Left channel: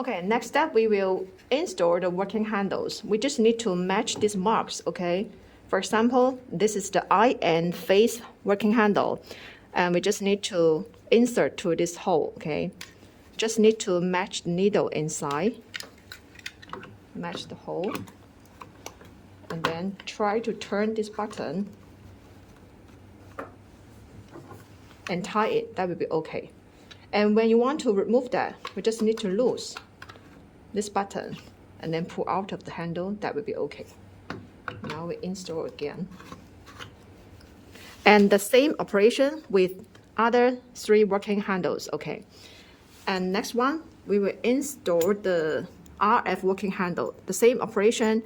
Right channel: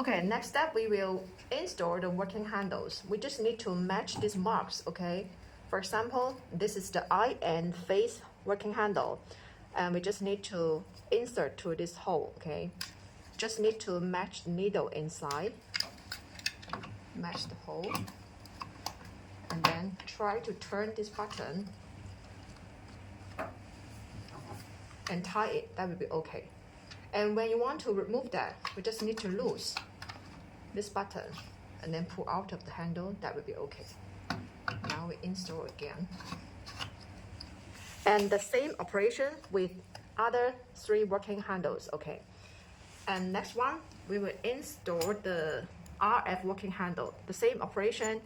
Okay, next step, we will install the working handles. We just need to match these marks, okay? For example, this is the eye and face working handle, and we just need to insert to this hole, okay? Just need to match the needle inside, match the hole, and then try to turn this button and tie it. That will be okay. And when you want to remove that, we just need to lose this button and then pull out of the handle. That will be okay. Now we install again. And the same operation with other 3 working handles, okay. And next one, we will install the RF working handle. The same operation,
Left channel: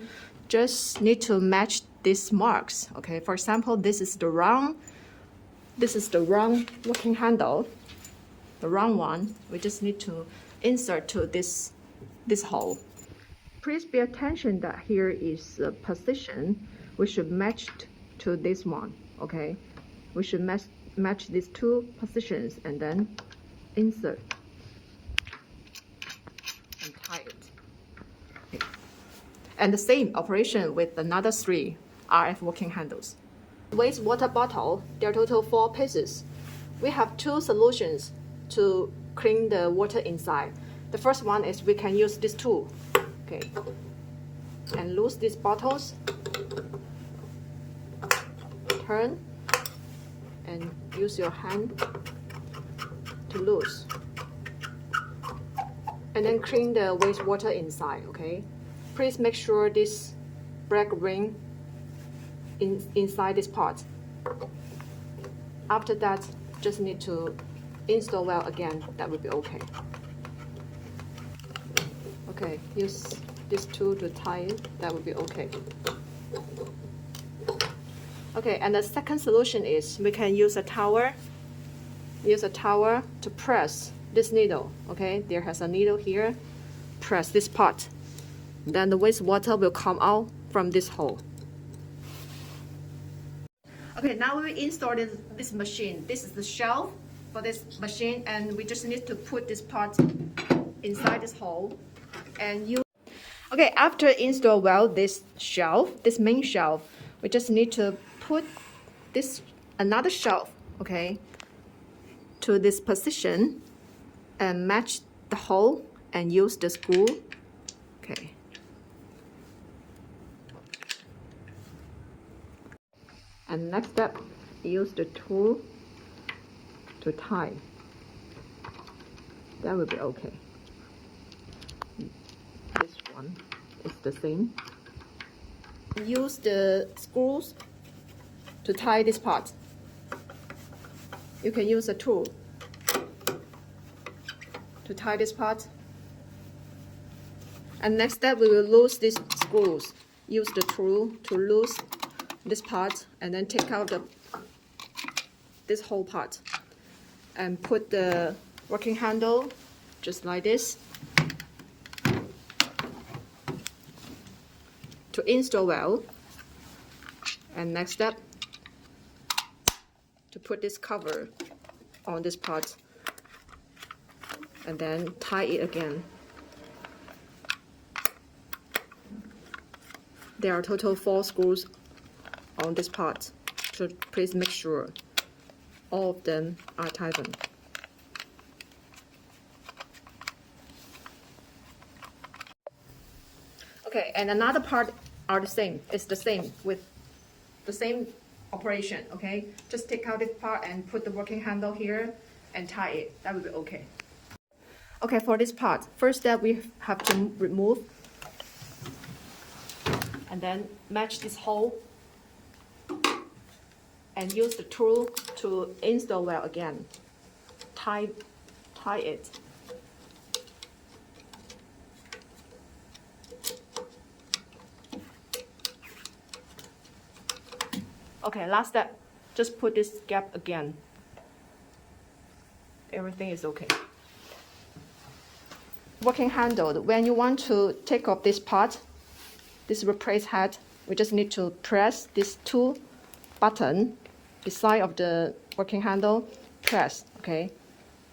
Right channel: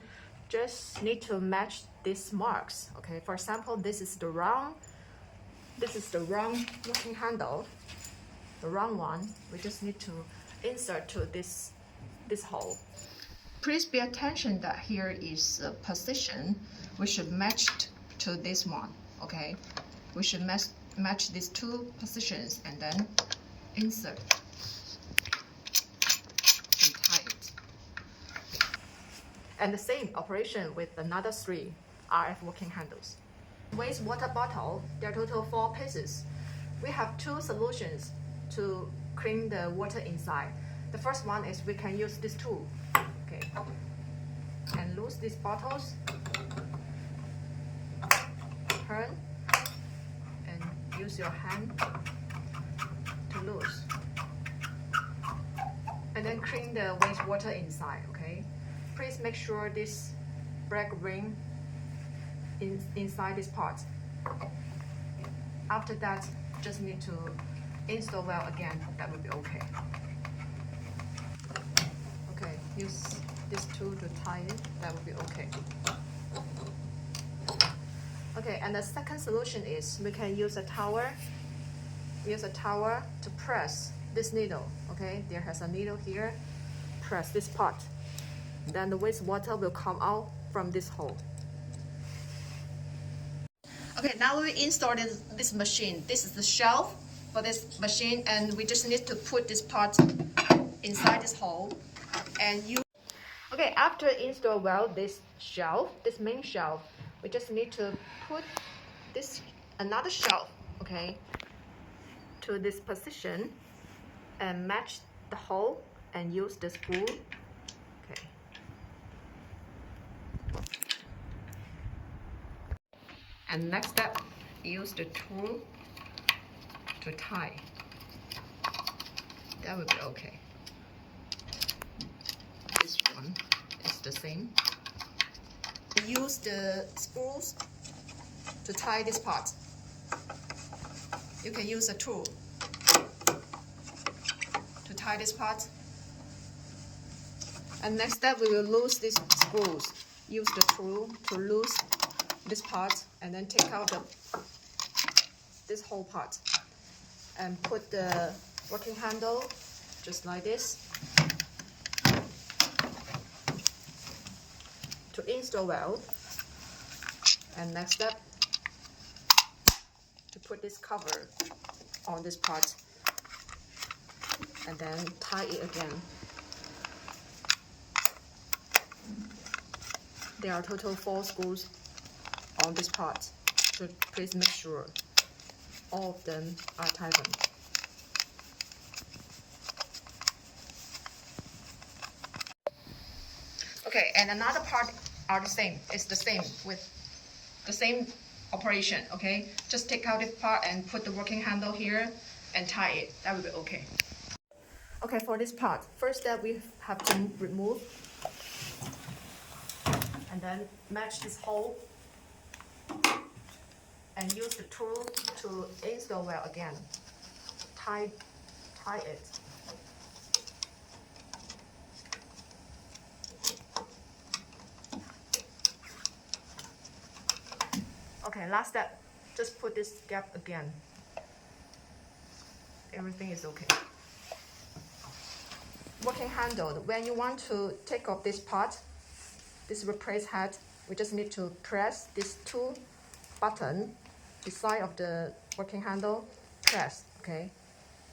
just need to match these marks, okay. For example, this is the round working handle, the round one. We just need to insert to this hole. Please pay attention that here is a position. We should match to this one, okay? We should match these 2 positions and then insert and tie it. Okay. And the same operation with another 3 RF working handles. Wastewater bottle, there are total 4 pieces. We have 2 solutions to clean the water inside. The first one is we can use this tool, okay, and loose these bottles, turn, and use your hand to loose, and then clean the wastewater inside, okay. Please make sure this black ring inside this part. After that, just need to install well again. That will be okay. Okay, use this tool to tie it. That will be okay. Okay, and the second solution is we can use a towel. Use a towel to press this needle. Okay, there has a needle here. Press this part. Then the wastewater will come out from this hole. Okay, now we installed this machine. This is the shelf for this machine, and we just need to put this part inside this hole. And okay, after install well this shelf, this main shelf, we just need to put this another shelf, okay, to this position and match the hole and use the screw, okay. And next step, use the tool to tie. That will be okay. This one is the same. Use the screws to tie this part. You can use a tool to tie this part. And next step, we will lose these screws. Use the tool to lose this part and then take out this whole part and put the working handle just like this to install well. And next step, to put this cover on this part and then tie it again. There are total 4 screws on this part, so please make sure all of them are tightened. Okay, and another part are the same. It's the same with the same operation, okay? Just take out this part and put the working handle here and tie it. That will be okay. Okay, for this part, first step we have to remove and then match this hole and use the tool to install well again. Tie it. Okay, last step, just put this gap again. Everything is okay. Working handle, when you want to take off this part, this replace head, we just need to press these 2 buttons beside of the working handle, press, okay,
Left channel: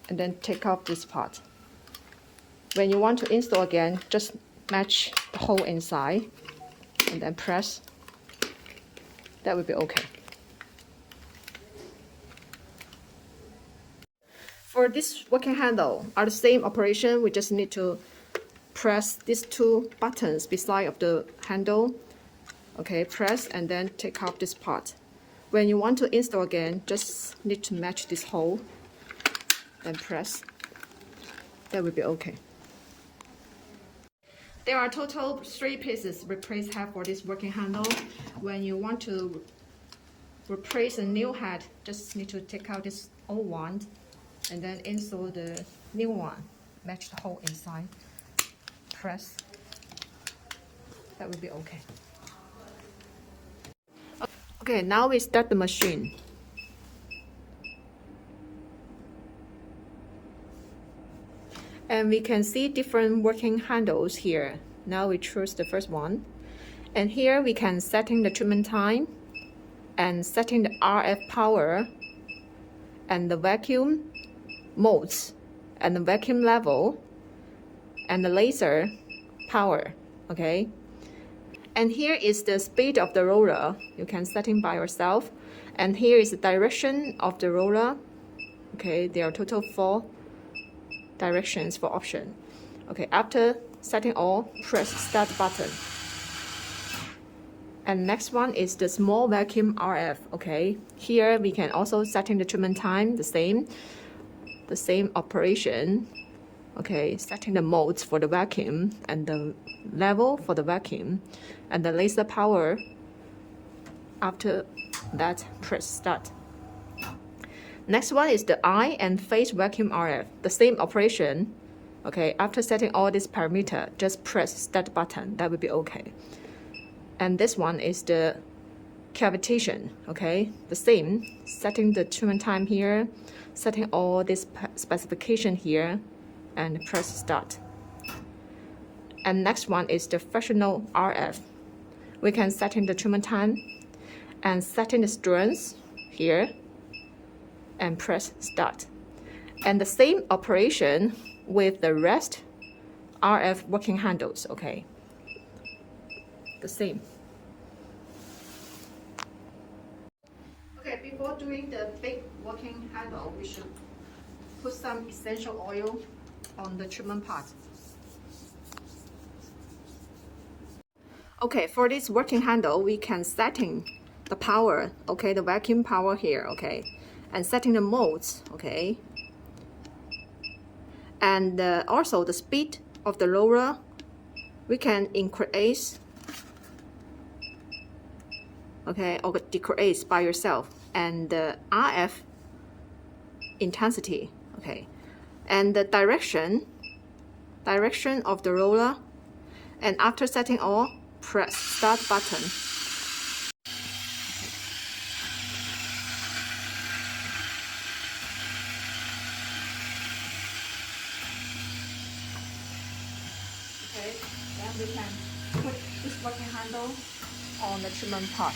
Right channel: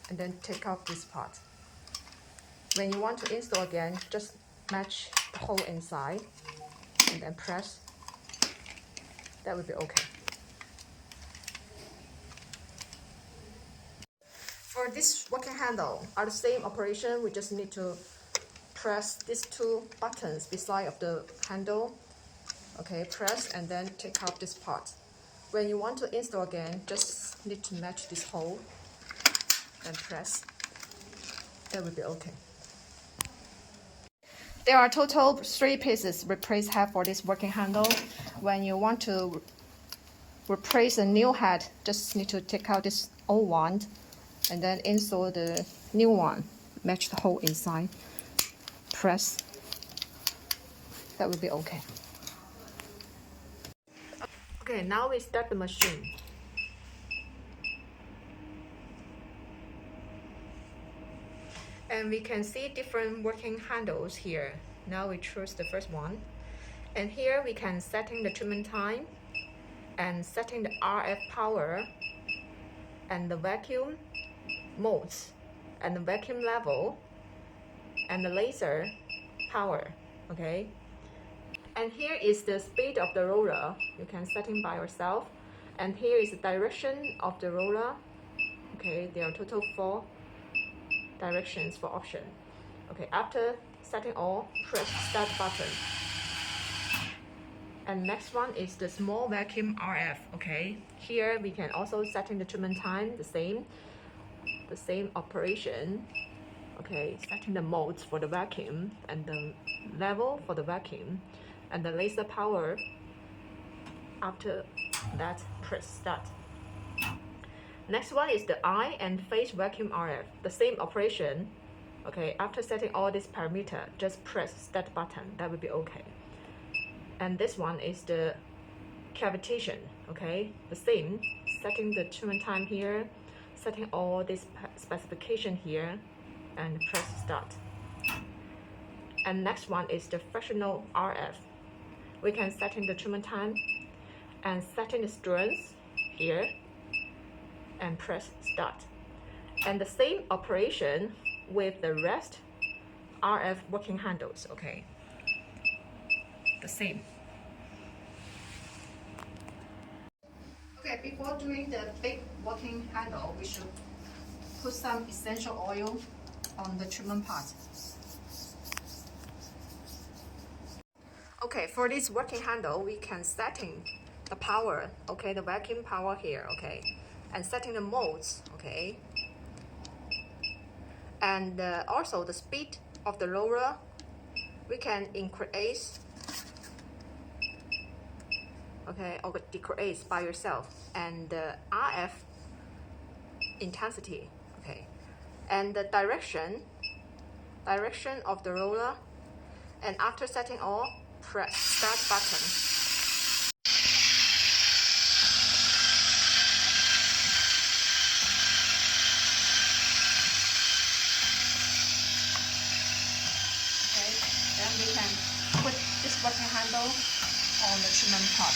and then take off this part. When you want to install again, just match the hole inside and then press. That would be okay. For this working handle, are the same operation. We just need to press these two buttons beside of the handle. Okay, press and then take out this part. When you want to install again, just need to match this hole, then press. That will be okay. There are total 3 pieces replace head for this working handle. When you want to replace a new head, just need to take out this old one and then install the new one. Match the hole inside. Press. That will be okay. Okay, now we start the machine. And we can see different working handles here. Now we choose the first one. And here we can setting the treatment time and setting the RF power and the vacuum modes and the vacuum level and the laser power, okay? And here is the speed of the roller. You can setting by yourself. And here is the direction of the roller. Okay, there are total 4 directions for option. Okay, after setting all, press start button. And next one is the small vacuum RF. Okay, here we can also setting the treatment time, the same operation. Okay, setting the modes for the vacuum and the level for the vacuum and the laser power. After that, press start. Next one is the eye and face vacuum RF, the same operation. Okay, after setting all these parameters, just press start button. That will be okay. And this one is the cavitation. Okay, the same, setting the treatment time here, setting all this specification here, and press start. And next one is the fractional RF. We can setting the treatment time and setting the strength here and press start. And the same operation with the rest RF working handles, okay? The same. Okay, before doing the big working handle, we should put some essential oil on the treatment part. Okay, for this working handle, we can setting the power, okay, the vacuum power here, okay, and setting the modes, okay, and also the speed of the roller, we can increase, okay, or decrease by yourself, and the RF intensity, okay, and the direction of the roller, and after setting all, press start button. Okay, then we can put this working handle on the treatment part.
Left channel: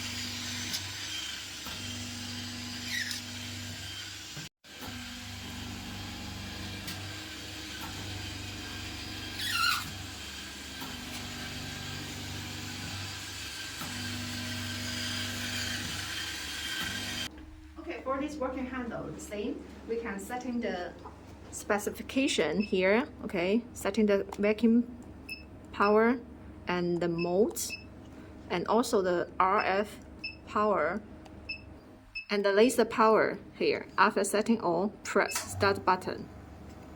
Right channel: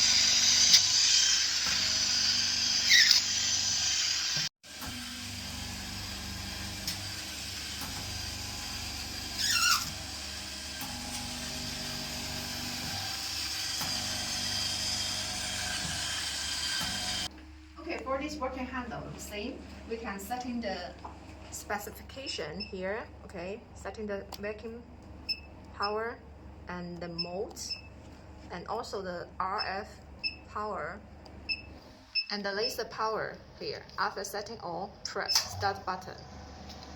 Okay, for this working handle, the same. We can setting the specification here, okay, setting the vacuum power and the modes, and also the RF power and the laser power here. After setting all, press start button.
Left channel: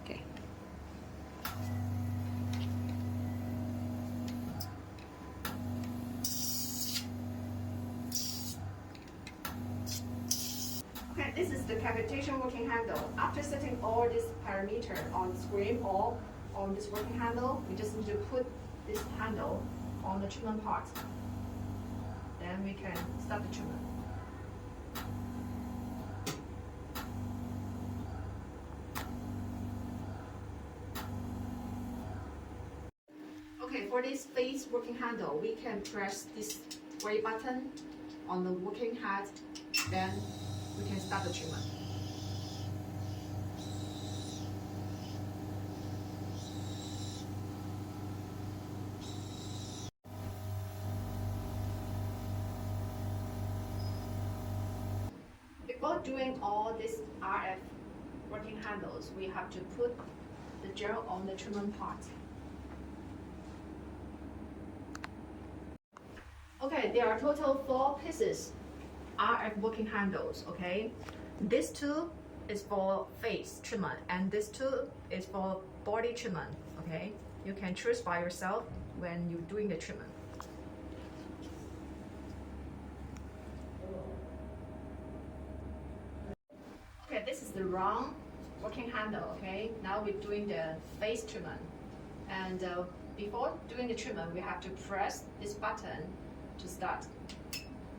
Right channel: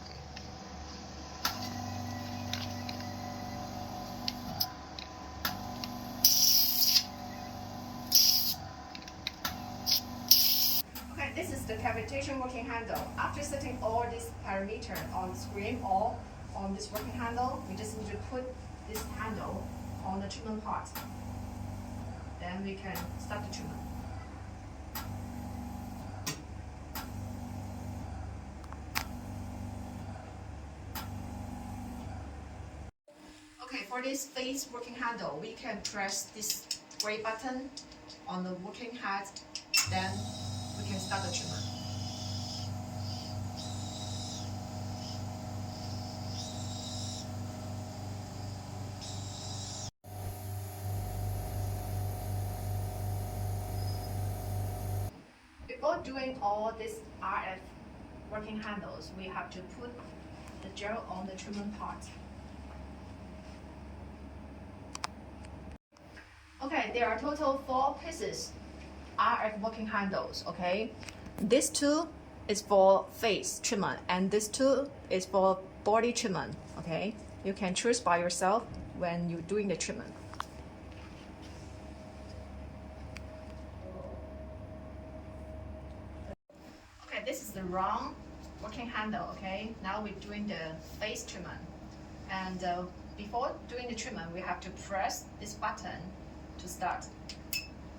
Okay. Okay, this is the cavitation working handle. After setting all these parameters on the screen or on this working handle, we just need to put this handle on the treatment part. Then we can start the treatment. Okay, for this face working handle, we can press this gray button on the working head, then we can start the treatment. before doing all these RF working handles, we have to put the gel on the trim part. Okay, there are total 4 pieces RF working handles, okay? This two is for face treatment and this two is for body treatment, okay? You can choose by yourself when you're doing the treatment. Okay, this is the round working handle, okay? Now we're doing the face treatment. And before doing the treatment, we have to press this button to start.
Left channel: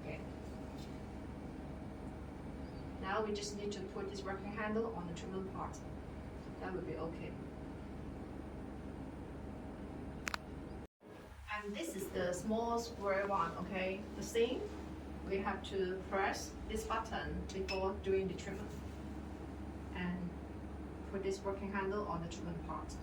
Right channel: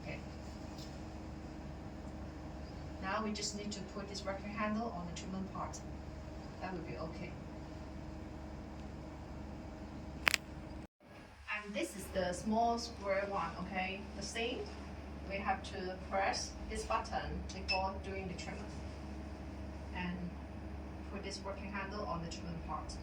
Okay. Now we just need to put this working handle on the treatment part. That will be okay. And this is the small square one, okay? The same, we have to press this button before doing the treatment. And put this working handle on the treatment part.